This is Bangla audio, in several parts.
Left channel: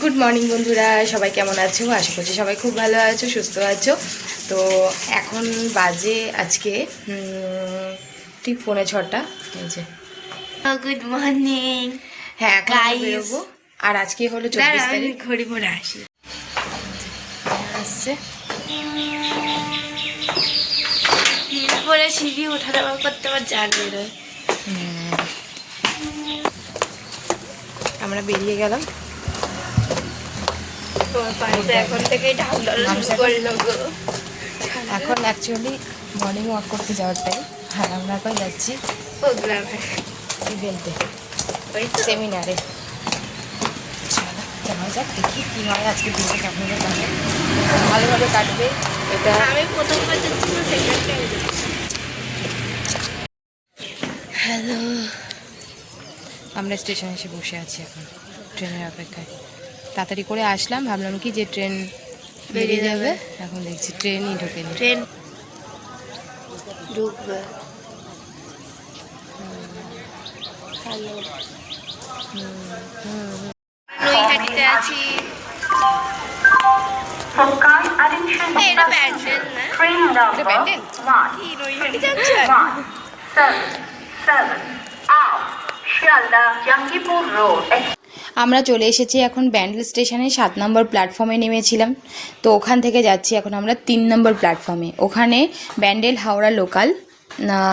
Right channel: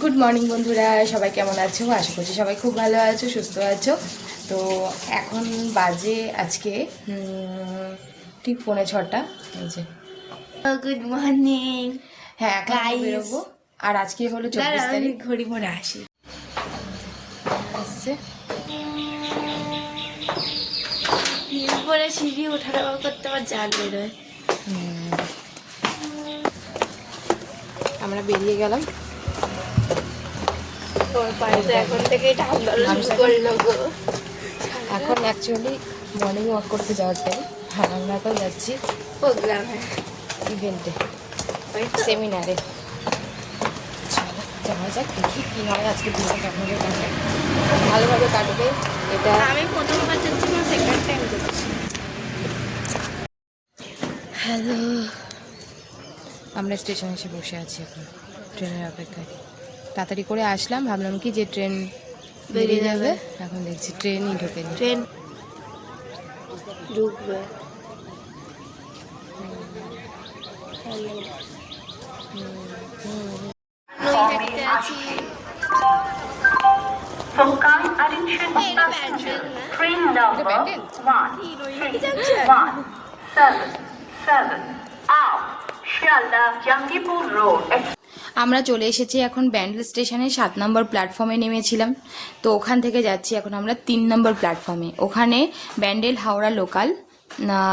গুড মর্নিং বন্ধুরা, সবাই কেমন আছো? আশা করছি সবাই খুব ভালো আছো, সুস্থ আছো। তো এখন বাজে আজকে ঠিক 5:45। এই যে গুড মর্নিং। হ্যাঁ, এখন আমি বেরোবো। আর আজকে হলো 24 তারিখ। ঘড়ি পরে আসি আসছে পরে সিঁড়ি ওঠা নামা করতে আমার জান বেরোয়। আমরা বেরিয়ে গেলাম। এখন থেকেই করলো গো। এখন অ্যাকচুয়ালি মর্নিং ওয়াক করতে যাওয়ার টাইম। হ্যাঁ, আমরা এখন যাচ্ছি প্রোগ্রামে, ইভেন্টে, সেমিনারে। চলো যাওয়া যাক, দেখি কী হয় আজকে দিনটা কেমন কাটে। ভালোভাবে কাটবে এটা। আমি প্রথমবার যাচ্ছি, সেকেন্ড টাইম যাচ্ছি। হ্যালো, আমরা স্টেশনে এসে বসে আছি এখন ট্রেনের অপেক্ষায়। তাড়াতাড়ি করে আসলাম, ভাবলাম কি যে ট্রেন বেরিয়ে যাবে, এখন দেখছি ট্রেনই ঢোকেনি। ট্রেন ঢুকবে। হ্যালো, নৈহাটিতে আছি। এটা প্যান্ডেল না? এটা প্যান্ডেল? কি নৈহাটি যাচ্ছেন? আমরা চলে এসেছি এখন ব্যান্ডেল স্টেশনে। 7 নম্বর প্ল্যাটফর্মে নেমেছিলাম, তো ওখান থেকে যাচ্ছি এখন আমরা 3 নম্বর প্ল্যাটফর্মে। ওখানে ব্যান্ডেল হাওড়া লোকাল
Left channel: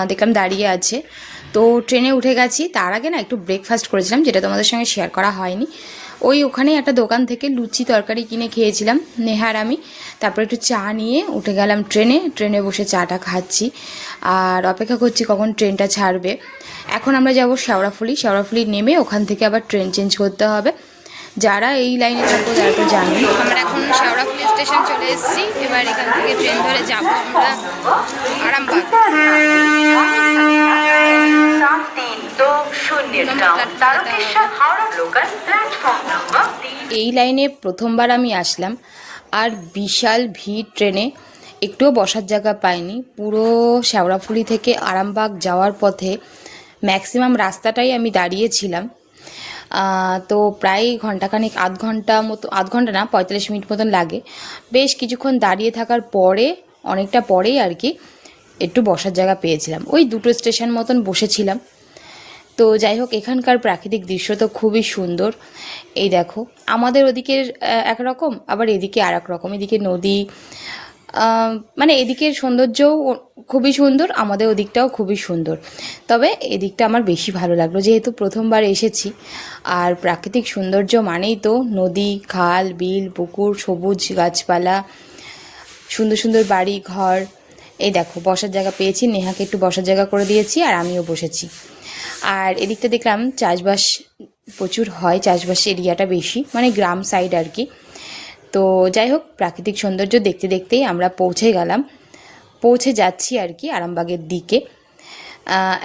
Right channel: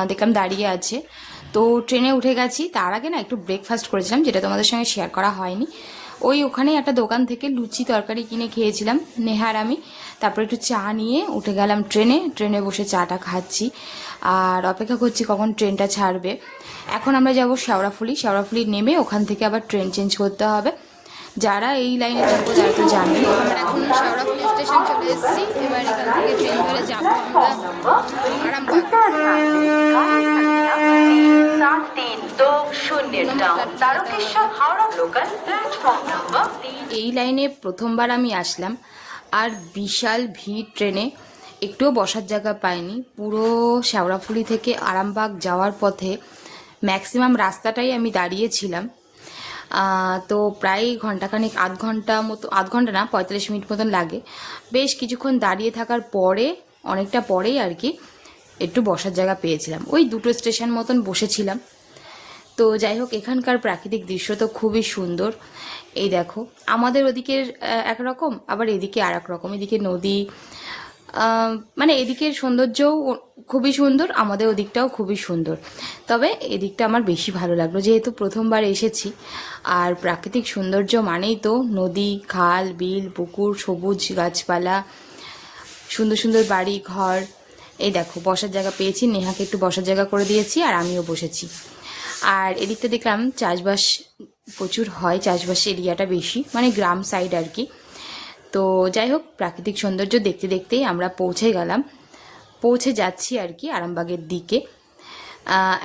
দেখলাম দাঁড়িয়ে আছে, তো ট্রেনে উঠে গেছি। তার আগে না একটু ব্রেকফাস্ট করেছিলাম, যেটা তোমাদের সঙ্গে শেয়ার করা হয়নি। ওখানেই একটা দোকান থেকে লুচি তরকারি কিনে খেয়েছিলাম নেহার আমি। তারপর একটু চা নিয়ে উঠে গেলাম ট্রেনে বসে চাটা খাচ্ছি আর অপেক্ষা করছি কখন ট্রেনটা ছাড়বে। এখন আমরা যাব শেওড়াফুলি নেমে ওখান থেকে আবার ট্রেন চেঞ্জ করতে হবে। যারা এই লাইনে চলবো তারা তো জানবে। আমরা এখন শেওড়াফুলি স্টেশন চলে এসেছি। এবার এখান থেকে ট্রেন ধরে যাব আমরা আরামবাগ। এই লাইনে প্রথমবার আমি আসলাম, আর বিশাল ভিড় ট্রেনে। একটুও বসার জায়গা পাইনি। পুরো শেওড়াফুলি থেকে আরামবাগ যাওয়ার পথে ম্যাক্সিমাম রাস্তাটাই আমি দাঁড়িয়েছিলাম। তো প্রায় ঘন্টাখানিক, আধ ঘন্টা না 45 মিনিট মতন লাগে। বেশ কিছুক্ষণ দাঁড়িয়ে থাকার পরে, অনেকটা পরেই আর কি একটু বসার জায়গা পেয়েছিলাম। ওই 2টো স্টেশন মতন বসেছিলাম। তো যাই হোক, এখানকার প্রাকৃতিক দৃশ্য তো খুবই সুন্দর। এই দেখো, আমাদের ওদিকের একরকম, আবার এদিকে আর এক রকম। এদিকে নদী, মানে এদিকের সৌন্দর্যও খুবই সুন্দর, আমাদের ওদিকটাও খুবই সুন্দর। তবে এদিকটা আমার বেশি ভালো লাগলো, যেহেতু প্রথমবার এসেছি। আর প্রাকৃতিক সৌন্দর্য মানেই তো নদী, খাল, বিল, পুকুর, সবুজ গাছপালা, সুন্দর সুন্দর বাড়ি ঘর। এই দেখো, বসার জায়গা পেয়েছি, নেহাকে একটু বসার জায়গা করে দিয়েছি আর আমিও বসেছি। আর এদিকটা দেখলাম চাষবাস প্রচুর হয়, চাষবাস এরিয়াটা বেশি, মানে গ্রাম সাইড আর কি। তো যাই হোক, প্রাকৃতিক সৌন্দর্য দেখতে দেখতেই আমরা পৌঁছে যাচ্ছি আর কি আরামবাগের দিকে।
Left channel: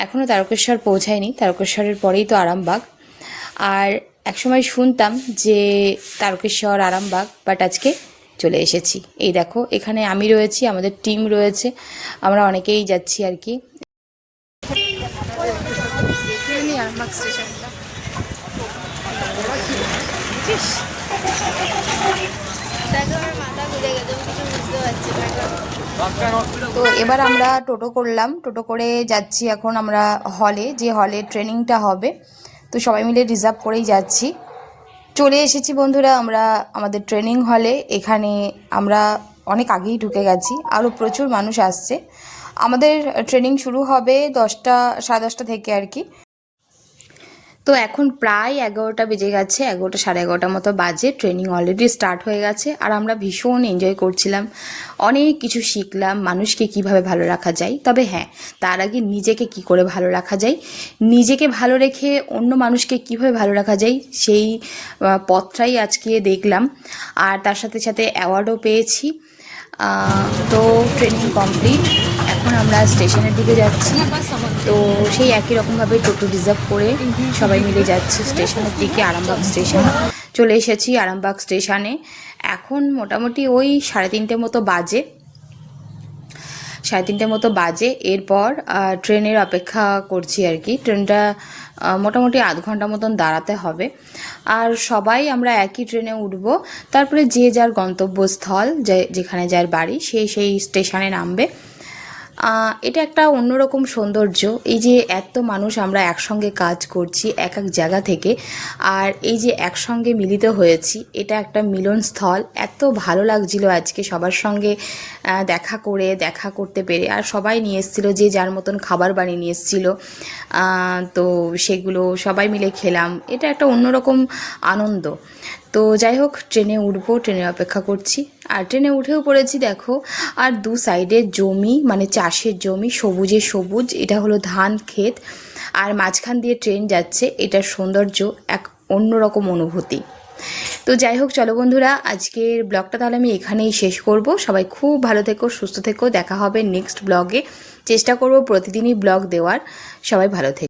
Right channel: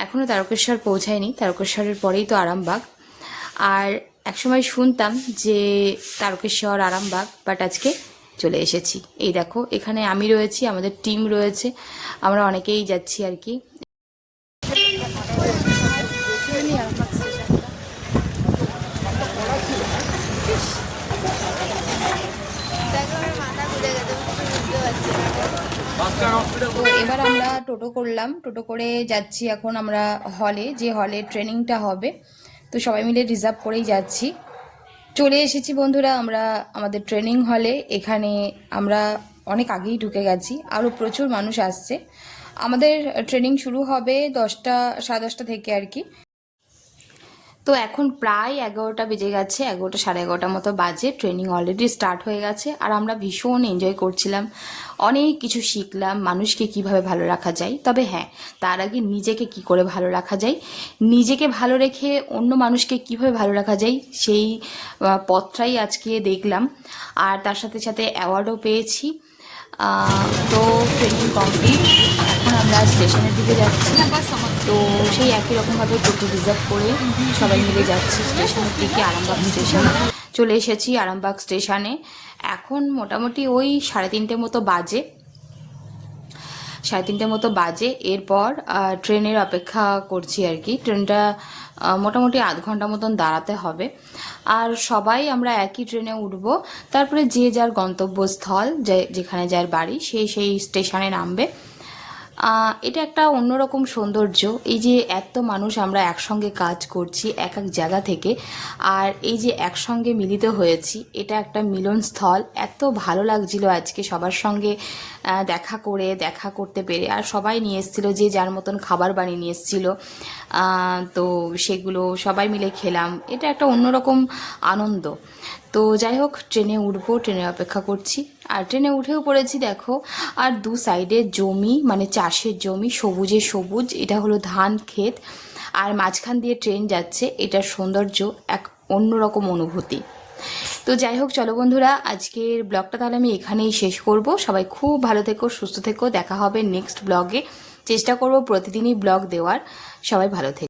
এখনও তারকেশ্বর পৌঁছায়নি, তারকেশ্বরের পরেই তো আরামবাগ। আর একসময় শুনতাম যে তারকেশ্বর আরামবাগ, বাট আজকে চলে এসেছি। এই দেখো, এখানে আমি রয়েছি, আমাদের টিম রয়েছে, আমরা অনেকেই যাচ্ছি আর কি। আরামবাগ স্টেশনটা তো এবার আমরা টোটো করলাম, টোটো করে যাচ্ছি এখন আমরা হলে, যে হলে ট্রেনিংটা হবে। তো সবাই মিলে রিজার্ভ করেই যাচ্ছি। চলে এসেছি বন্ধুরা আমরা আমাদের ট্রেনিং হলে। এখানে আমরা অনেক আগেই ঢুকে গেছি, আরও প্রচুর মানুষ আসছে। আমাদের ট্রেনিং শুরু হবে 10টা, 10:30 থেকে আর কি। তো এখন প্রায় 11টা বেজে গেছে, 11টা, 11:30 মতো বাজে। ট্রেনিং অলরেডি স্টার্ট হয়ে গেছে আর আমরা ভীষণ এনজয় করছিলাম। অনেক কিছু শিখলাম, মানুষকে কিভাবে ভালো রাখা যায়। তবে হ্যাঁ, তার আগে নিজেকে কি করে ভালো রাখা যায়, নিজেকে ভালো রেখে অন্য মানুষকে কিভাবে ভালো রাখা যায়, সেই পথটাই আজকে দেখলাম। আর তার সাথে সাথে অ্যাওয়ার্ডও পেয়েছি। তো ট্রেনিং কমপ্লিট, এখন আমরা স্টেশনের দিকে যাচ্ছি। তো সেই একই রকমভাবে টোটো রিজার্ভ করে সবাই মিলে যাচ্ছি স্টেশনের দিকে। আরামবাগ স্টেশন চলে এসেছি। আরামবাগ স্টেশনে এখন মোটামুটি ওই 3:30 মতো বাজে। এরপর ট্রেনের অপেক্ষা করছি আর কি। ট্রেনটা মোটামুটি আধ ঘন্টা মতন দাঁড়াতে হবে। আর সবাই আমরা একই ট্রেনে উঠব। তারপরে যে যার গন্তব্যস্থল, যেখানে যার বাড়ি, সে সেই স্টেশনে নামবে। এটা একটা অন্যরকম সৌন্দর্য। এই যে এত মানুষ আমরা একসঙ্গে কাজ করছি এক এক জায়গা থেকে, আর এই যে একসঙ্গে মিলিত হয়েছি, এটা একটা মিলনস্থল। এত ভালো লাগছিল আজকে সবার সঙ্গে দেখা করতে পেরে। আর সবাই নিয়ে এসেছিলো, যে যার মতন খাবার বানিয়ে নিয়ে এসেছিলো। তো সেগুলো সবাই মিলে খেলাম। এটা একটা অন্যরকম আনন্দ। তো যাই হোক, ট্রেনে উঠবো, ট্রেনে অপেক্ষা করছি। আর ট্রেনে উঠেও পড়েছি দেখো। আর দু সাইডে জমি, মানে চাষের জমি, সবুজে সবুজ। এটা হলো ধান ক্ষেত, আর মাঝখান দিয়ে ট্রেন যাচ্ছে। এটার সৌন্দর্য এক অন্যরকম অনুভূতি। তো যাই হোক, চলো বন্ধুরা, আজকের ব্লগটা তাহলে আমি এখানেই শেষ করব। সবাই খুব ভালো থেকো, সুস্থ থেকো। দেখা হবে নেক্সট ব্লগে। চেষ্টা করব প্রতিদিনই ব্লগ দেওয়ার। সবাই ভালো থেকো।